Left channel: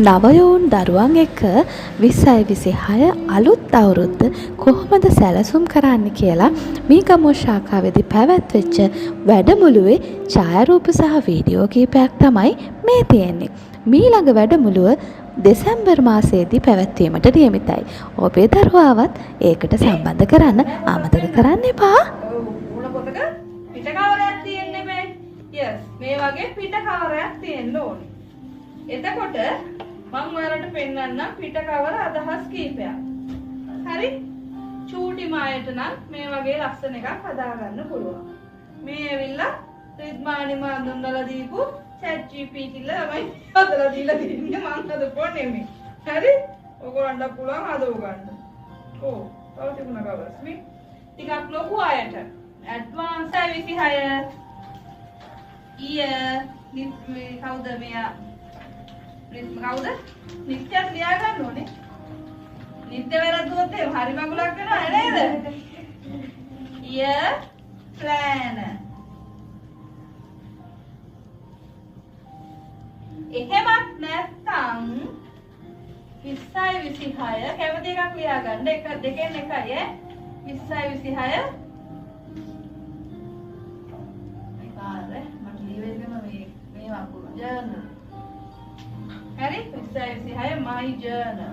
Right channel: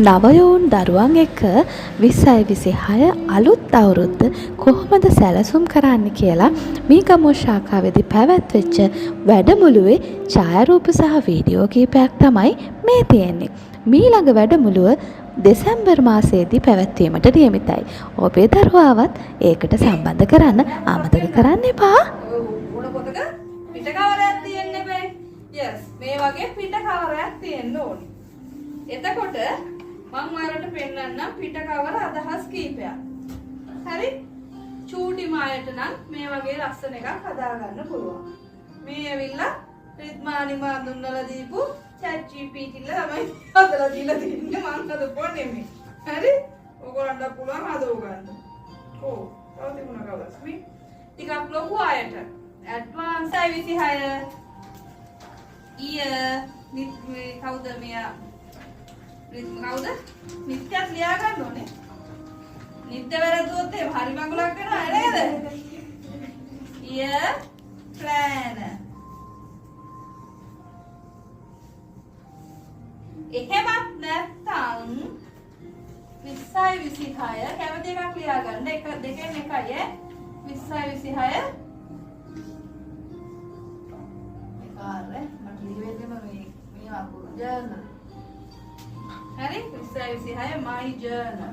නවයවුන් දරුවන් එක්ක 2026 අලුත් අවුරුද්ද කොහොමද සැලසුම් කරන්න කියලා මේ ගමුව ශාඛාවේදී පැවැත්වෙච්ච වැඩමුළුවේ ඡායාරූප සහ වීඩියෝ කීපයක් තමයි මේ තියෙන්නේ. මීළඟ වැඩමුළුව දෙසැම්බර් මාසයේදී පැවැත්වීමට නියමිතයි. ඔබේ දරුවාවත් ඒකට සම්බන්ධ කරන්න අමතක කරන්න එපා. පිට කවරයක් තියෙන්න බෑ. yes මේ වගේ පිට කවරයක් තියෙන්න ඕනේ. එතකොට මම ඔයාලට පෙන්නන්නම් පිට කවර අදහස් කීපයක්. හරි? චූටි මායට නම් මේ වගේ ලස්සන එකක් හදාගන්න පුළුවන්. මේ ඇවිල්ලා රිද්මානි මන්දුන්නලා දීපු chat gpt ල තමයි හදලා දීලා තින්නේ මම හදපුවා නෙමෙයි. හරි? ඔයගොල්ලන්ට පුළුවන් හදව ගන්න. ඔව්. තව තිබුණා කවරස් මේ ටිකක් ලොකු අයට ඇඩ්වාන්ස් 26 ඊය කවුද මෙයා කවුද නිත්‍යත් ලියා ගන්න ඕනේ. නිත්‍ය වැරදුවොත් එහෙම හරි මඟුලක් වෙනවා නේද? ඊය ප්ලෑන එහෙමත් නැත්නම් 2026 කැමති එකක් ලියා ගන්න. එක දෙකෙන් එකයි 2026 මට ලියවෙන්නම මේ වකුරු ජර්නල්. හරි 2026 my journal